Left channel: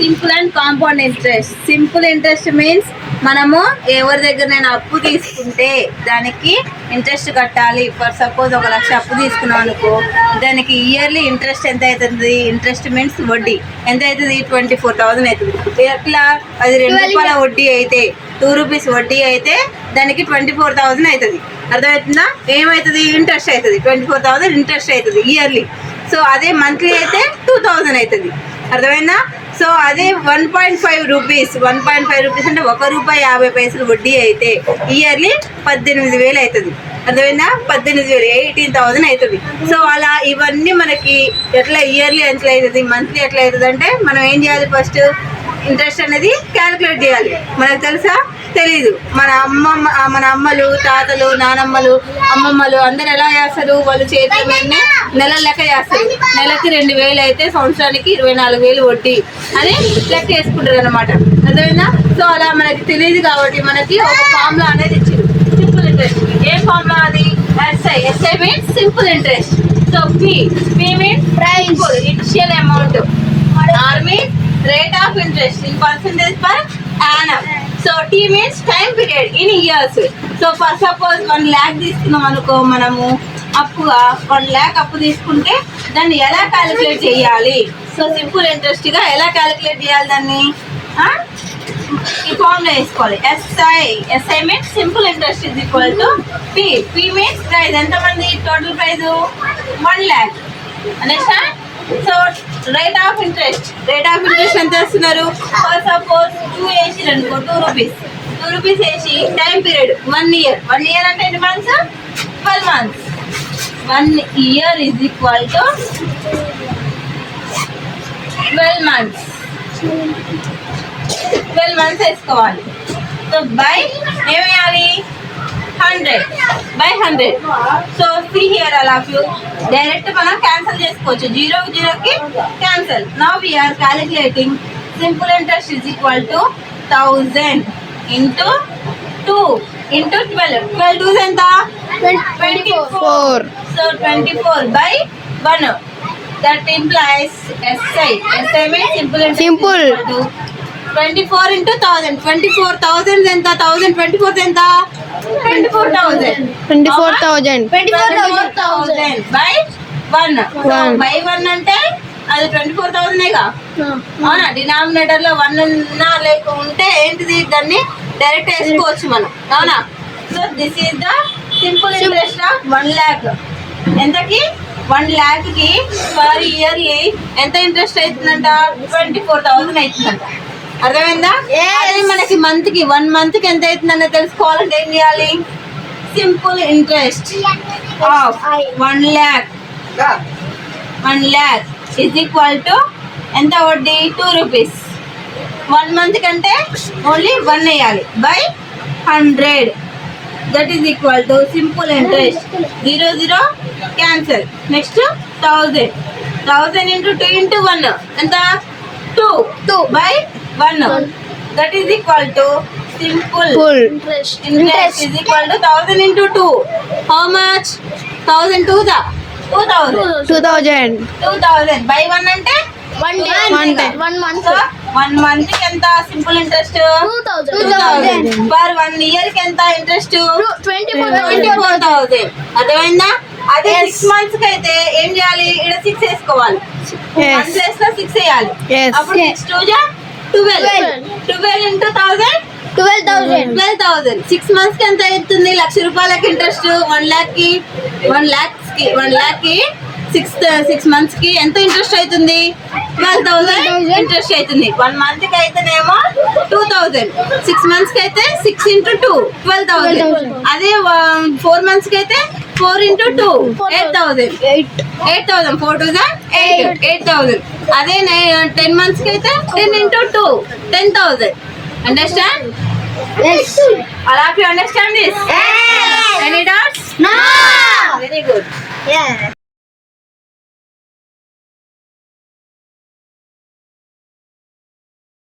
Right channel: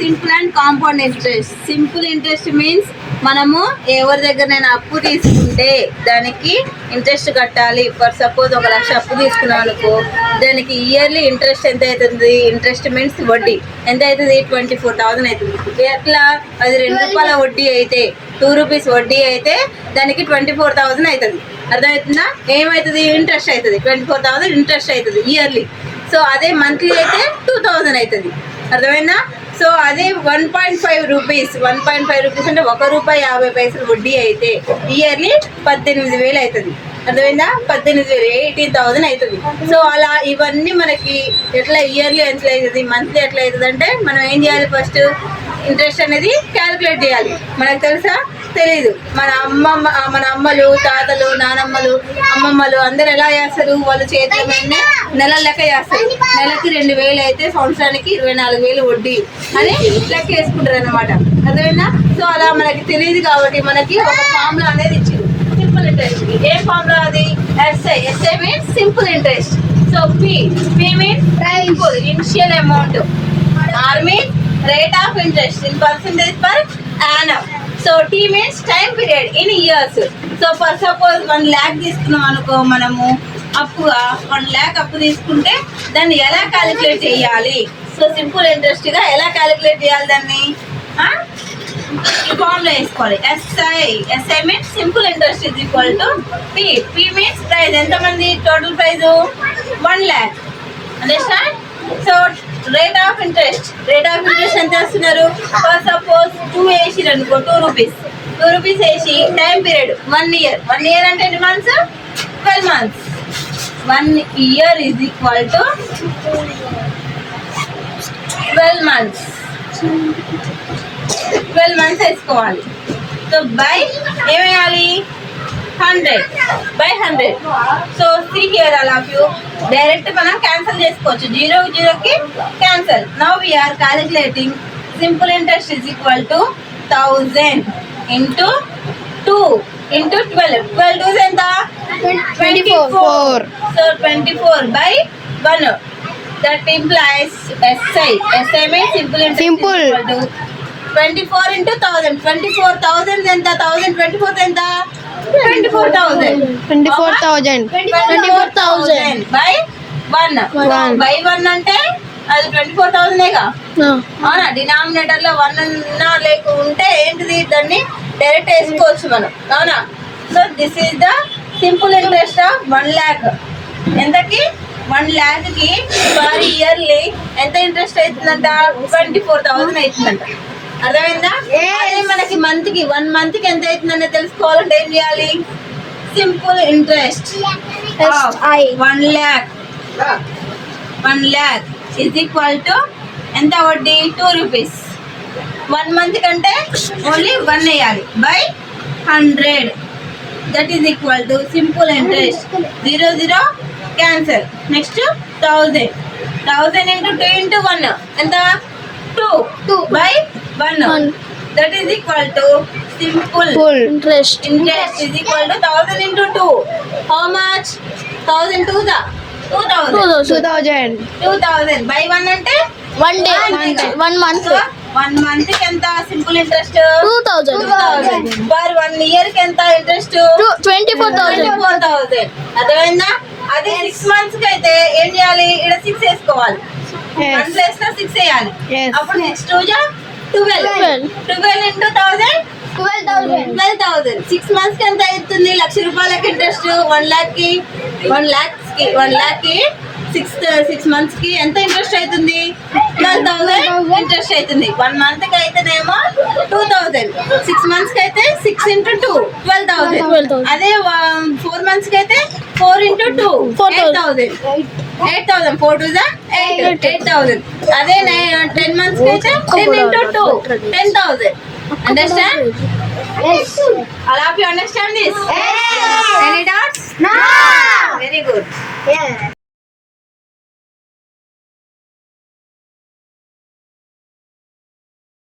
Simple and compound interest. Simple interest means మనము ఎవరి దగ్గర అప్పు తీసుకుంటే దానికి ఇంట్రెస్ట్ కట్టాలి. ఫర్ సపోజ్ 1 లక్ష అప్పు తీసుకున్నాం అనుకో, దానికి ఇయర్లీ ఇంట్రెస్ట్ ఎంత అవుతుంది? ఇంట్రెస్ట్ మీన్స్ వడ్డీ ఎంత అవుతుంది? 24,000 అవుతుంది. ఎట్లా? అది 2 రూపాయల వడ్డీ అయితే, 2 రూపీస్ వడ్డీ అయితే దానికి 24,000 అవుతుంది. అర్థమవుతుందా? ఏమవుతుంది? ఇంట్రెస్ట్ అవుతుంది. 24,000 ఇంట్రెస్ట్ అవుతుంది ఇయర్లీ. సో అదే మంత్లీ అయితే 2,000 అవుతుంది. అర్థమైందా? సో అదే 1.5 రూపీస్, 1.5 రూపీస్ అంటే 1 రూపాయి 50 పైసలు వడ్డీ అయితే ఇయర్లీ 18,000 అవుతుంది. అర్థమైందా? 18,000, 18,000 అవుతుంది. సో అలా ఇవన్నీ మనకి ఎట్లా ఇయర్లీ ఎట్లా అవుతుంది, మంత్లీ ఎట్లా అవుతుంది అంటే మనం ఏం చేయాలి? ఫస్ట్ ఇంట్రెస్ట్ అనేది క్యాలిక్యులేట్ చేయాలి. మనకు తెలుసా? తెలీదు. మన అమ్మలు, తాతలు, నానమ్మలు, అమ్మమ్మలు అందరు ఎలా చేస్తారు? వాళ్ళు చేతుల మీదనే నెల లెక్క చేస్తారు. నెలకి 2,000 అయితే సంవత్సరానికి 24,000 వడ్డీ అని లెక్క వేసుకుంటారు అనమాట. అర్థమైందా? సో అలా మనకి తెలియదు కాబట్టి మనకి ఒక ఫార్ములా అనేది ఇచ్చారు సింపుల్ ఇంట్రెస్ట్. ఏ ఫార్ములా అది? SI means simple interest. So P means simple initial amount. R means rate of interest in percentage per annum. So T means time period in years. So for suppose 1 lakh తీసుకున్నాం అనుకో, మనము అప్పుగా 1 lakh అప్పు తీసుకుంటే దాన్ని ఎలా calculate చేయాలి? So simple ఇంట్రెస్ట్గా ఎలా క్యాలిక్యులేట్ చేయాలి దాన్ని? ఈ ఫార్ములా వేసుకోవాలి. SI means simple interest is equal to P. P means price. ఎంతమంది total price? 1 lakh. Understand? So rate of interest ఎంత వేస్తున్నారు? ఫర్ సపోజ్ 2 వేసిరు అనుకో, 2 రూపీస్ వేసి టైం పీరియడ్ 1 year. 1 year అంటే ఎన్ని months? 12 months. 1 year is equal to 12 months. 12 months వేసుకోవాలి. So by ఏమేయాలి? 100 by 100. సో see here all of you, direct మనం క్యాన్సిల్ చేసుకోవచ్చు. 0కి cancel. Now we are calculating simple interest is equal to 1000 into 2 into 12. 12 2s ఎంత? 24. So 24 by 1. That implies SI means simple interest Simple. is equal to 24 into 1000. 24,000 ఎంత? 1000 24 ఎంత? 24,000. 24,000. 24,000 by 1. by 1 అంటే అది 24,000గా. అవునా? Denominator లో 1 ఉన్నా లేకుంటే ఏంటిది? దాన్ని డైరెక్ట్ వేసుకోవచ్చు మనం. అవునా? So this is the simple interest of 1 lakh. ఎంతకి? 1 lakhకి పర్ ఇయర్లీ ఎంత ఇంట్రెస్ట్ అవుతుందంట? 24,000 అవుతుందంట. అర్థమైందా? అదే మనకి మంత్కి 1 monthకి ఎంత అవుతుందన్న తెలుసుకోవాలంటే ఏం చేయాలి? Simple interest 1 lakh is equal to ఎంత వడ్డీ? 2 రూపీస్. 1 month కంటే ఓన్లీ 1 వేయాలి by 100. That is equal to simple interest. 0 cancel. Next 1000 into 2 into 1 ఎంత? 2 by 1. That is equal to simple interest is equal to 1000 into 2. How much? 1000 to the 2000 by 1 అంటే 1 day. 1 month. 1 month కి ఎంత simple interest? 2,000. Per 1 year కి ఎంత interest? 24,000. అర్థమైందా? అదే 6 months కి అయితే ఏం చేయాలి? ఇక్కడ 6 వేసుకోవాలి. 1 ప్లేస్ లో 6 వేయాలి. అప్పుడు 6 2 12 into 1000 12,000. 6 months కి ఎంత అవుతుంది? 1,00,000 రూపాయలకి ఇంట్రెస్ట్. 1 lakh కి 6 months కి ఎంత ఇంట్రెస్ట్ అవుతుంది? 12,000 ఇంట్రెస్ట్ అవుతుంది. 1 month కి అయితేనేమో 2,000. 6 months కి అయితే 6 into 2 12,000. అదే 4 months కి అయితే 4 into 2 8,000. 8,000. 4 to 8,000. అదే 10 months కి అయితే 10 into 2 10,000. Understand? Yes. All of you understand this? Yes. Any doubts? No. Very good. Yeah.